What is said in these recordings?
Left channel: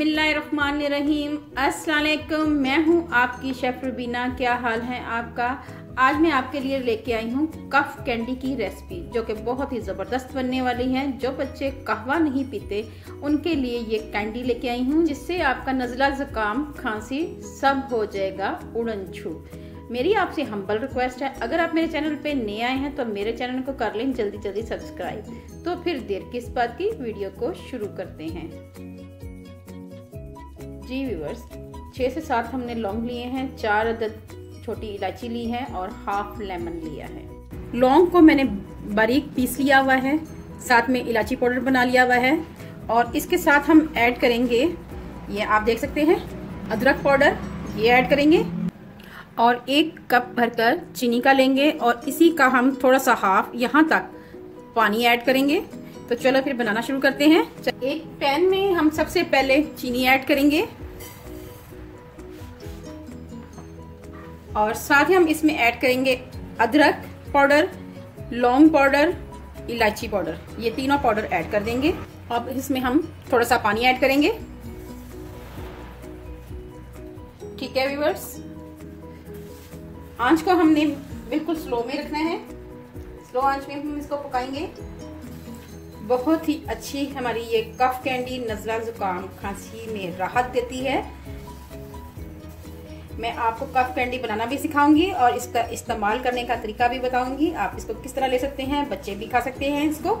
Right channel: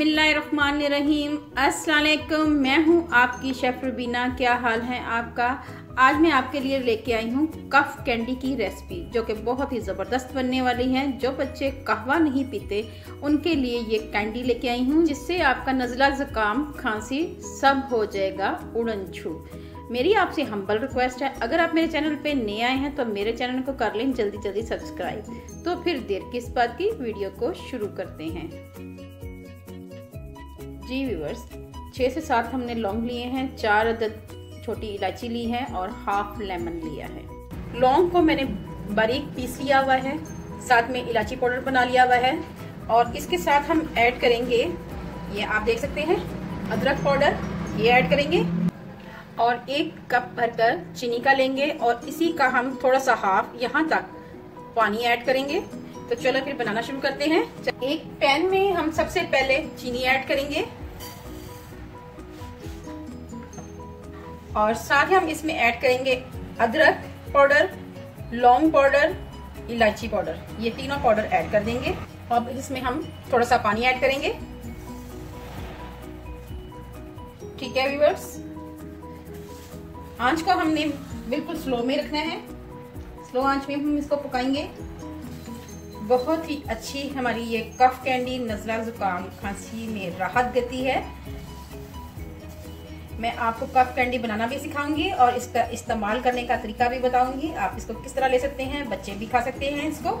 बिस्मिल्लाहिर्रहमानिर्रहीम। अस्सलाम वालेकुम। मैं हूं आपकी शेफ रुबीना। क्या हाल है आपका? आज मैं आपके लिए लेके आई हूं कफ कैंडी की रेसिपी, जो कि बहुत ही ज़बरदस्त बनने वाली है। जो बच्चे कहवा नहीं पीते उनके लिए ये कैंडी लेके आई हूं, जिससे आपका नज़ला, ज़ुकाम, खांसी सब हो जाएगा उड़न छू। मेरी आपसे हम्बल रिक्वेस्ट है, अगर आप मेरे चैनल पे नए आए हैं तो मेरे चैनल को कर लें जल्दी जल्दी सब्सक्राइब। तो फिर देर किस बात की, वीडियो को शुरू करते हैं। जी व्यूअर्स, 6 से 7 हमने लौंग लिए हैं, 4 अदद छोटी इलायची ली है और हाफ लेमन लिया है। लौंग को मैंने बारीक पीस लिया हुआ है, साथ में इलायची पाउडर बना लिया हुआ है और इसके साथ हम ऐड करेंगे, ये आप देख सकते हैं, अदरक पाउडर ये ऐड करेंगे और 1 कप भरकर चीनी का लेंगे और इसी का हम थोड़ा सा हाफ यहाँ तक पानी ऐड करेंगे। तो चलो फिर बनाना शुरू करते हैं। एक पैन में हम सबसे पहले चीनी ऐड करेंगे और साथ ही हम इसमें ऐड करेंगे अदरक पाउडर, लौंग पाउडर, इलायची पाउडर, ये तीनों पाउडर ऐड कर देंगे। अब इसमें हम थोड़ा सा पानी ऐड करेंगे। ठीक है व्यूअर्स, आंच को हमने बिल्कुल स्लो में रखना है। स्लो आंच में हम इसको पकाएंगे। बहुत ही अच्छी हमारी ये कफ कैंडी नज़ला, जुकाम, खांसी में राहत देती है। मैं आपको कफ कैंडी बनाना भी सिखाऊंगी और इसका इस्तेमाल करने का तरीका भी बताऊंगी। आप इसको किस तरह ले सकते हैं, बच्चे भी खा सकते हैं इसको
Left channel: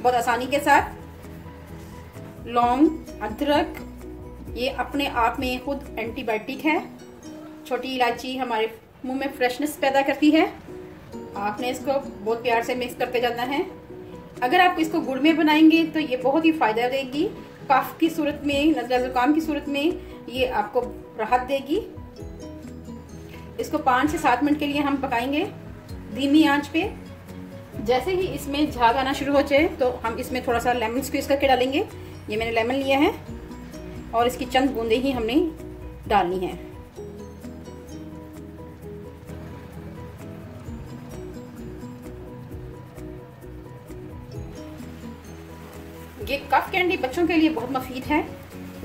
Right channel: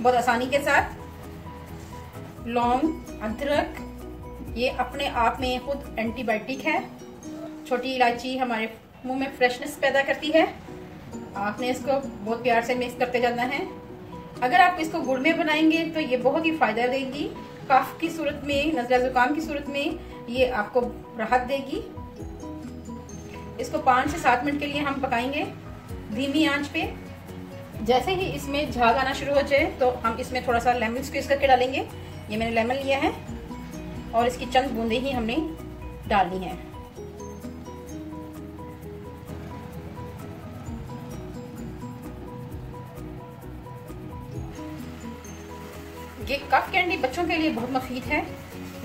बहुत आसानी के साथ। लौंग, अदरक ये अपने आप में खुद एंटीबायोटिक है। छोटी इलायची हमारे मुंह में फ्रेशनेस पैदा करती है। आपने इसको बहुत प्यार से मिक्स करते जाना है। अगर आप इसको गुड़ में बनाएंगे तो ये बहुत ही फायदा देगी। कफ की सूरत में, नज़ला जुकाम की सूरत में ये आपको राहत देगी। इसको 5 से 7 मिनट के लिए हम पकाएंगे धीमी आंच पे। जैसे ही इसमें झाग आना शुरू हो जाए तो हम इसमें थोड़ा सा लेमन स्क्वीज करके डालेंगे। ये मैंने लेमन लिया है और इसकी चंद बूंदे ही हमने डालनी है। ये कफ कैंडी बच्चों के लिए बहुत मुफीद है।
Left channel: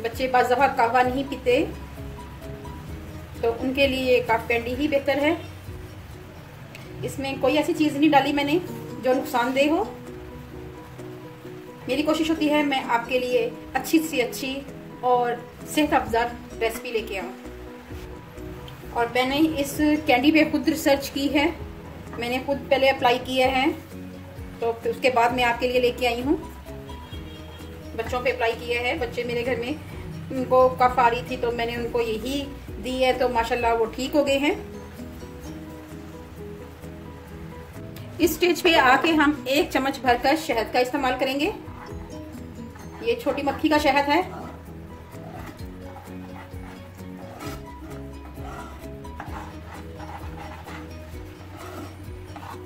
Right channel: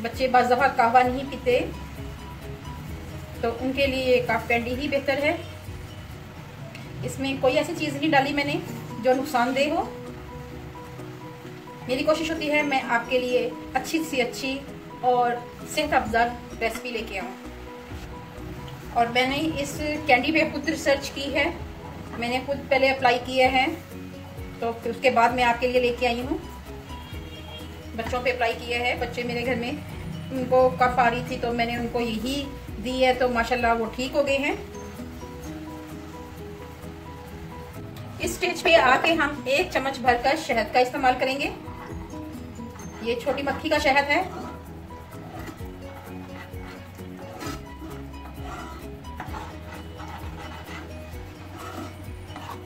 बच्चे बाज़ दफ़ा कहवा नहीं पीते तो उनके लिए कफ कैंडी ही बेहतर है। इसमें कोई ऐसी चीज नहीं डाली मैंने जो नुकसानदेह हो। मेरी कोशिश होती है मैं आपके लिए अच्छी से अच्छी और सेहत अफजा रेसिपी लेके आऊं। और मैंने इस कैंडी पे खुद रिसर्च की है, मैंने खुद पहले अप्लाई किए हैं, तो फिर उसके बाद मैं आपके लिए लेके आई हूँ। बच्चों पे अप्लाई किए हैं। बच्चे मेरे घर में, उनको कफ आ रही थी तो मैंने उनको यही दी है, तो माशाल्लाह वो ठीक हो गए हैं। इस स्टेज पे आके हम 1 चम्मच भरकर शहद का इस्तेमाल करेंगे। ये छोटी मक्खी का शहद है।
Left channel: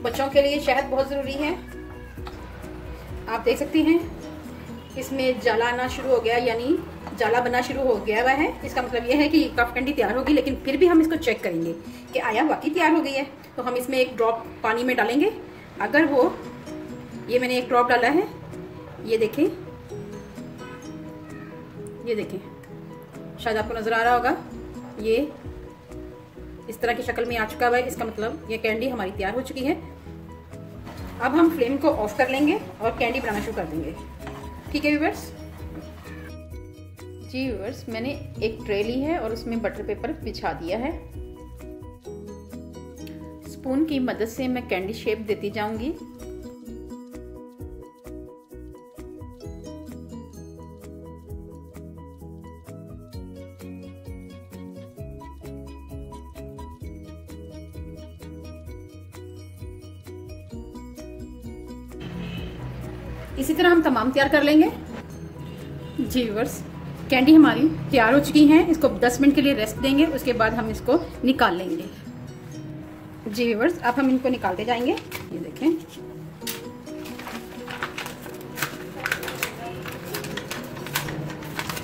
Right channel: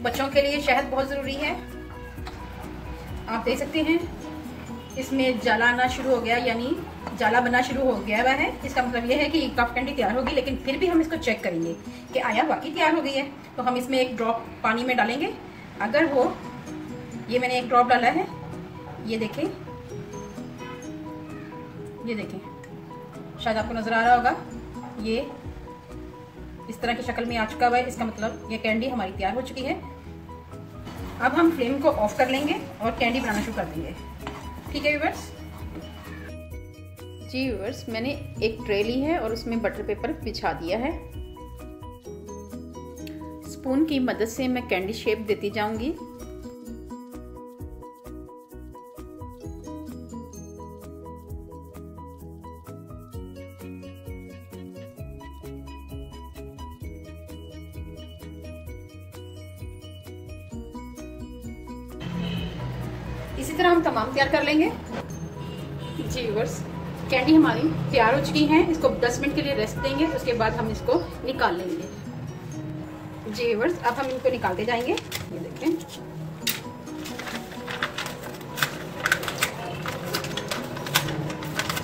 बच्चों के लिए शहद बहुत जरूरी है। आप देख सकते हैं इसमें जाला आना शुरू हो गया, यानी जाला बनना शुरू हो गया हुआ है। इसका मतलब यह है कि कफ कैंडी तैयार होगी, लेकिन फिर भी हम इसको चेक करेंगे कि आया वाकई तैयार हो गई है। तो हम इसमें 1 ड्रॉप पानी में डालेंगे। अगर वो, ये मैंने 1 ड्रॉप डाला है, ये देखें, ये देखें, शायद आपको नजर आ रहा होगा, ये इस तरह की शक्ल में आ चुका हुआ है। इसका मतलब ये कैंडी हमारी तैयार हो चुकी है। अब हम फ्लेम को ऑफ कर लेंगे और कैंडी बनाना शुरू कर देंगे। ठीक है व्यूअर्स। जी व्यूअर्स, मैंने एक ट्रे ली है और उसमें बटर पेपर बिछा दिया है। स्पून की मदद से मैं कैंडी शेप देती जाऊंगी। इसी तरह हम तमाम तैयार कर लेंगे। जी व्यूअर्स, कैंडी हमारी तैयार हो चुकी है। इसको 10 मिनट के लिए रेस्ट देंगे, उसके बाद हम इसको निकाल लेंगे। जी व्यूअर्स, अब हम इनको निकालते जाएंगे। ये देखें,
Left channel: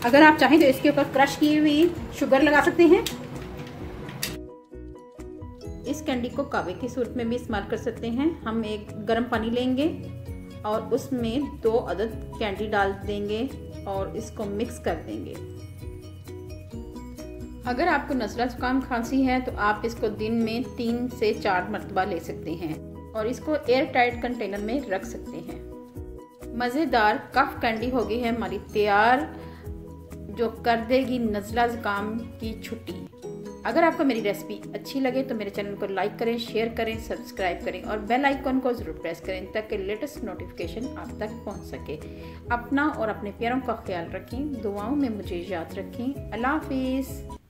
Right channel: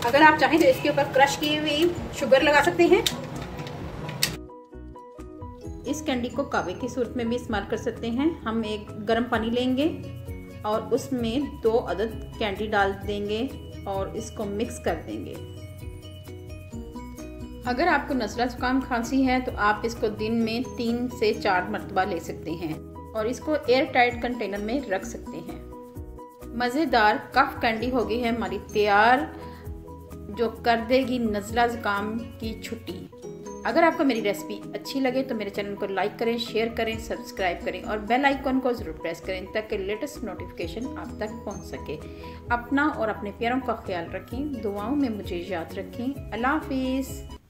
अगर आप चाहें तो इसके ऊपर क्रश की हुई शुगर लगा सकते हैं। इस कैंडी को कावे की सूरत में भी इस्तेमाल कर सकते हैं। हम एक गर्म पानी लेंगे और उसमें 2 अदद कैंडी डाल देंगे और इसको मिक्स कर देंगे। अगर आपको नज़ला ज़ुकाम खांसी है तो आप इसको दिन में 3 से 4 मरतबा ले सकते हैं और इसको एयर टाइट कंटेनर में रख सकते हैं। मज़ेदार कफ कैंडी हो गई है हमारी तैयार, जो कर देगी नज़ला ज़ुकाम की छुट्टी। अगर आपको मेरी रेसिपी अच्छी लगे तो मेरे चैनल को लाइक करें, शेयर करें, सब्सक्राइब करें और बेल आइकन को ज़रूर प्रेस करें ताकि लेटेस्ट नोटिफिकेशन आप तक पहुंच सके। अपना और अपने प्यारों का ख्याल रखें, दुआओं में मुझे याद रखें। अल्लाह हाफिज़।